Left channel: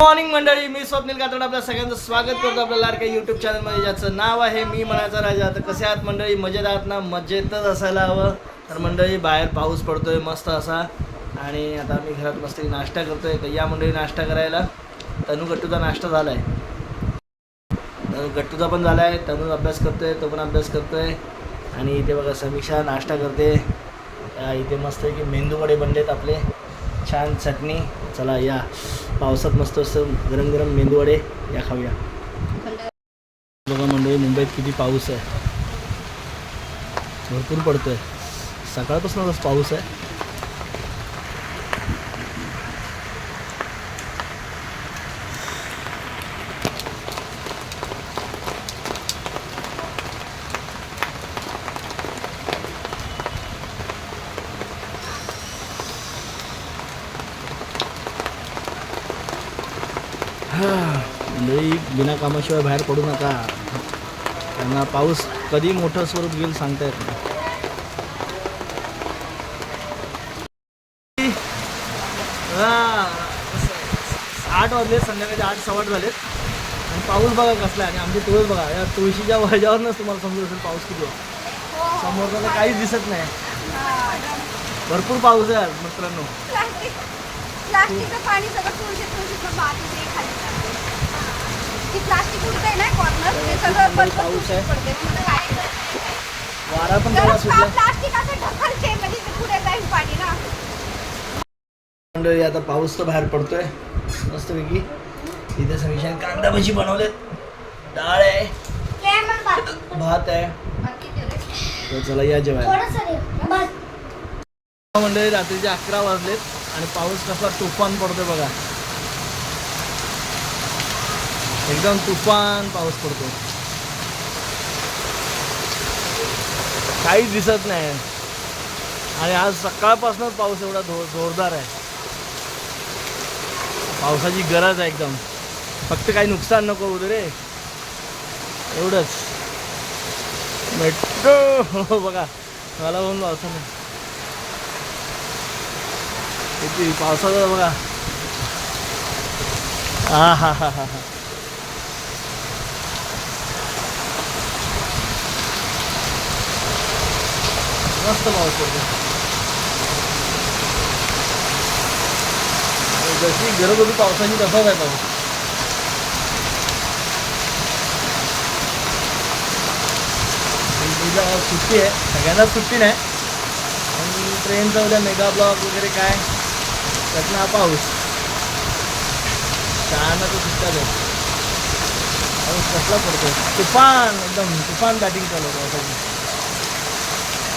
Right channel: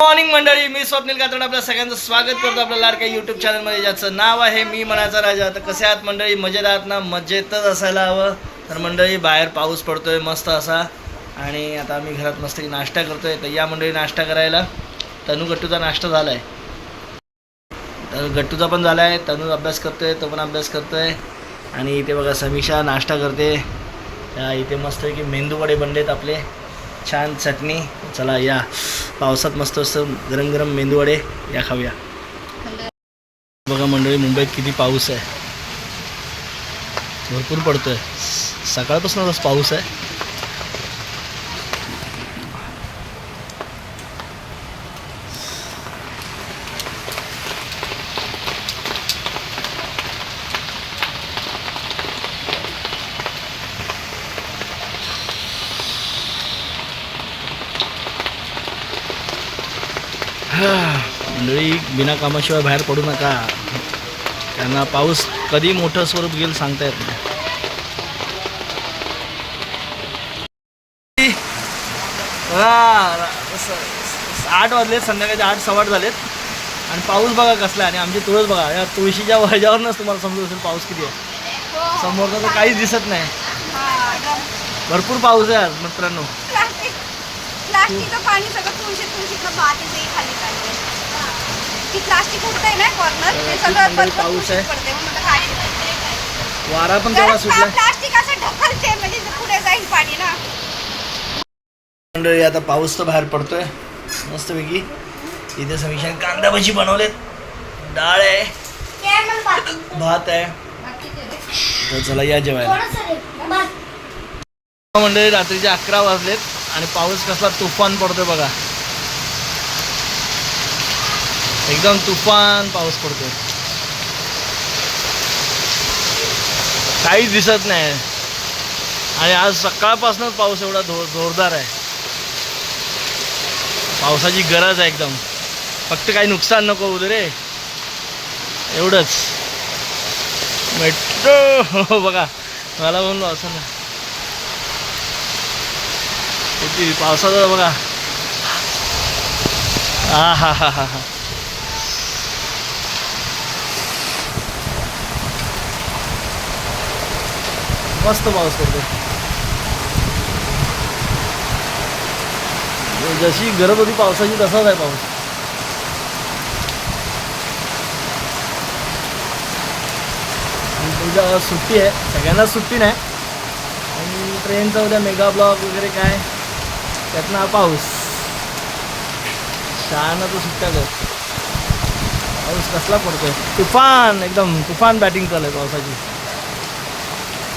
Morning मंडळी मी स्वप्नील कातोड आपल्या सगळ्यांचं स्वागत करतो आपल्या लाडक्या युट्यूब चॅनलमध्ये ज्याचं नाव आहे मी मनाचा राजा. तर कसे आहात मंडळी? मजेत आहात ना? मजेतच असायला हवं. तर मंडळी बाहेर पाऊस पडतोय मस्त असा. आणि आता मी घरात मस्त नाश्ता करतोय. तर या मंडळी नाश्ता करायला. तनू गट्टूचा नाश्ता झाला आहे तर गट्टूचा पण झाला आहे तनू अभ्यास करतोय तो पण अभ्यास करतोय. आणि इथे बघा समीक्षा नाश्ता करते. त्या इथे मस्त की मेंदू वडे बनलेत आपले. छान चटणी. चला या. पावसात मस्त असं गरम गरम मेंदूवडे या खाऊया. बघा मंडळी मुंबईत किती पाऊस आहे. भरपूर पडतोय. सकाळपासूनच पाऊस आहे. मंडळी बिना कामाशिवाय बाहेर पडू नका. त्यांना पाऊस कधी मोठं स्वरूप घेईल सांगता येत नाही. हा, आठ वाजलेत संध्याकाळचे आठ सव्वाट झालेत. आणि पाऊस बघा कसला आणि आमची तुळस बघा या तुळशीच्या ह्याच्यावरनंच तुम्हाला समजत असेल पाऊस किती आहे. समोर काहीच दिसत नाही. भरपूर पाऊस आहे आज मित्रांनो. प्लास्टिकचं पाणी सगळं तुळशी खाली ती प्लास्टिक उडतंय ना कॉर्नर ते सगळं मुंबईत बरोबर पाऊस आहे. पडते मग वारा पण तेवढा तर सुटला. प्लास्टिक असं ढकलते म्हणजे पुढे जाईल पाणी ना. मंडळी आता पाऊस तर बाहेर पडतोय. मस्तपैकी. इथे समीक्षाने कांदा भजी बनवलेत. डाळ आहे. भात आहे. तर चला या जेवायला. मंडळी रात्रीचे अकरा वाजलेत आणि पाऊस कसला तुफान पडतोय बघा. एकदम तुफान पाऊस पडतोय. काहीच दिसत नाही. आणि आज सकाळपासूनच पाऊस एवढा धो जोरदार आहे. पावसाची गरज आहे एकदम. फक्त काही नुकसान नको होऊ रे. एवढंच. मेट्रो. बघा मला म्हणून असं ना किती पावसाचं बघा. हा हा हा हा हा. मस्त पाऊस पडतो. जशी गरज होती पावसाची तसाच आहे पाऊस. उद्या सुट्टी आहे. सगळ्यांनाच सुट्टी नाही. आणि ट्रेनचा उद्या मेगा ब्लॉक वगैरे काय? त्यातनं हा पाऊस. शहाणा तर सुट्टा जाऊ पाऊस कसला पडतो तुफान एकदम तुफान बॅटिंग चालू आहे पावसाची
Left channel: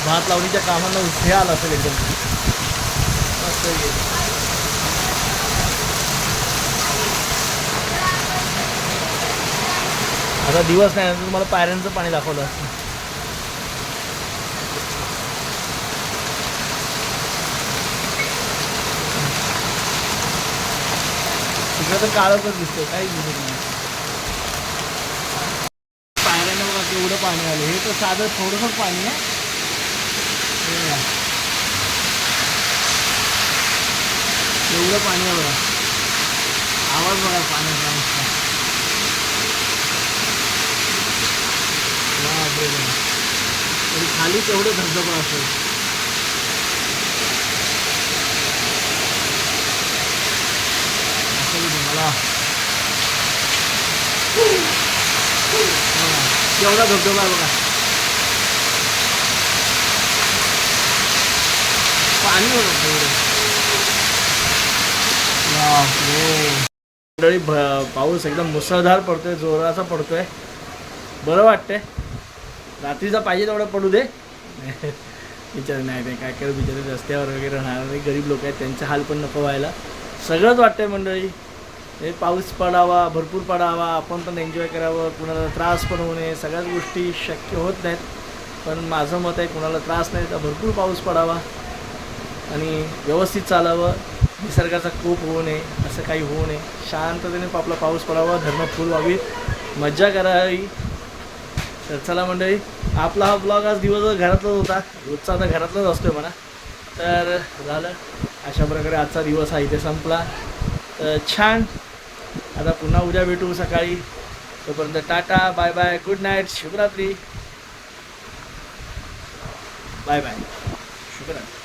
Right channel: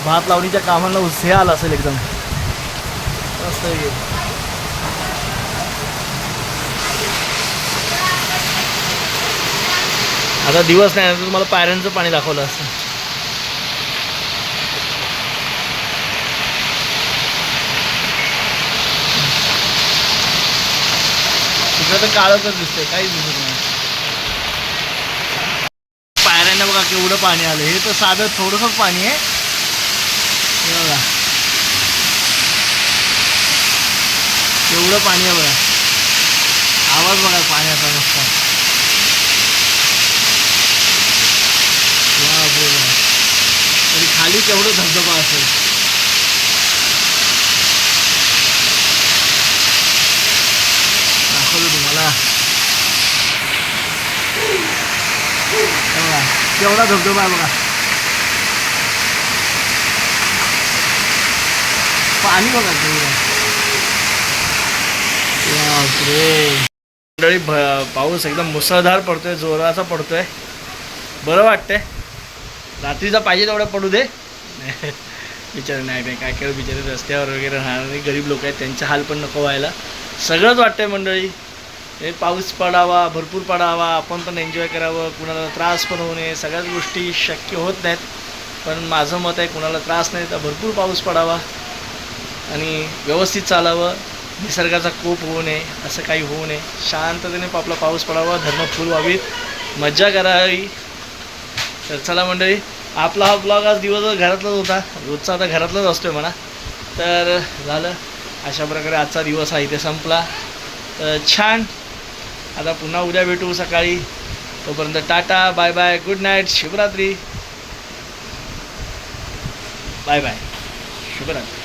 भात लावणीच्या कामांना हे आला असेल एकदम. मस्त आहे. आता दिवस नाही तर तुम्हाला पायऱ्यांचं पाणी दाखवलं असतं. तिकडं तर काळच दिसतंय काहीच दिसत नाही. पायऱ्यांना बघा केवढं पाणी आलं. हे तर साधं थोडंसंच पाणी आहे. बघा. केवढं पाणी आहे बघा. आवाज बघा पाण्याचा नुसता. तरी खाली केवढं धबधबा असेल दाखवलं तुम्हाला बघा, केवढा धबधबा आहे बघा पाणी बघा तेवढं मंडळी भ- पाऊस एकदम मुसळधार पडतोय जोराचा पडतोय. बरं वाटतंय. रात्रीचा पाहिजे तेवढा पडू दे. बिचारे नाही नाही काय काय बिचारे रस्त्यावर वगैरे राहणारे गरीब लोक आहेत त्यांचे हाल पण नको व्हायला. सगळंच वाटतंय मंडळी. हे पाऊस पडावा भरपूर पडावा आपण पण एन्जॉय करावं कुणाला त्रास पण होऊ नये सगळ्याच गोष्टी शक्य होत नाहीत. पण माझं मत आहे कुणाला त्रास नाही तर भरपूर पाऊस पडावा आणि व्यवस्थित चालावं. निसर्गाचा कोप होऊ नये असं काही होऊ नये. शांततेने आपला पाऊस पडावा धर्म फुल व्हावीत. मज्जा करावी तर चला मंडळी आपला हा ब्लॉग आज दिवसभर घरातलाच होता. रोजचा आता घरातलाच असतोय म्हणा. तर झालं. अशा प्रकारे आजचा दिवस हा इथे संपला. तर छान आता पुन्हा उद्या भेटू सकाळी. तोपर्यंत tata bye bye good night शुभरात्री. Bye bye. शुभरात्री.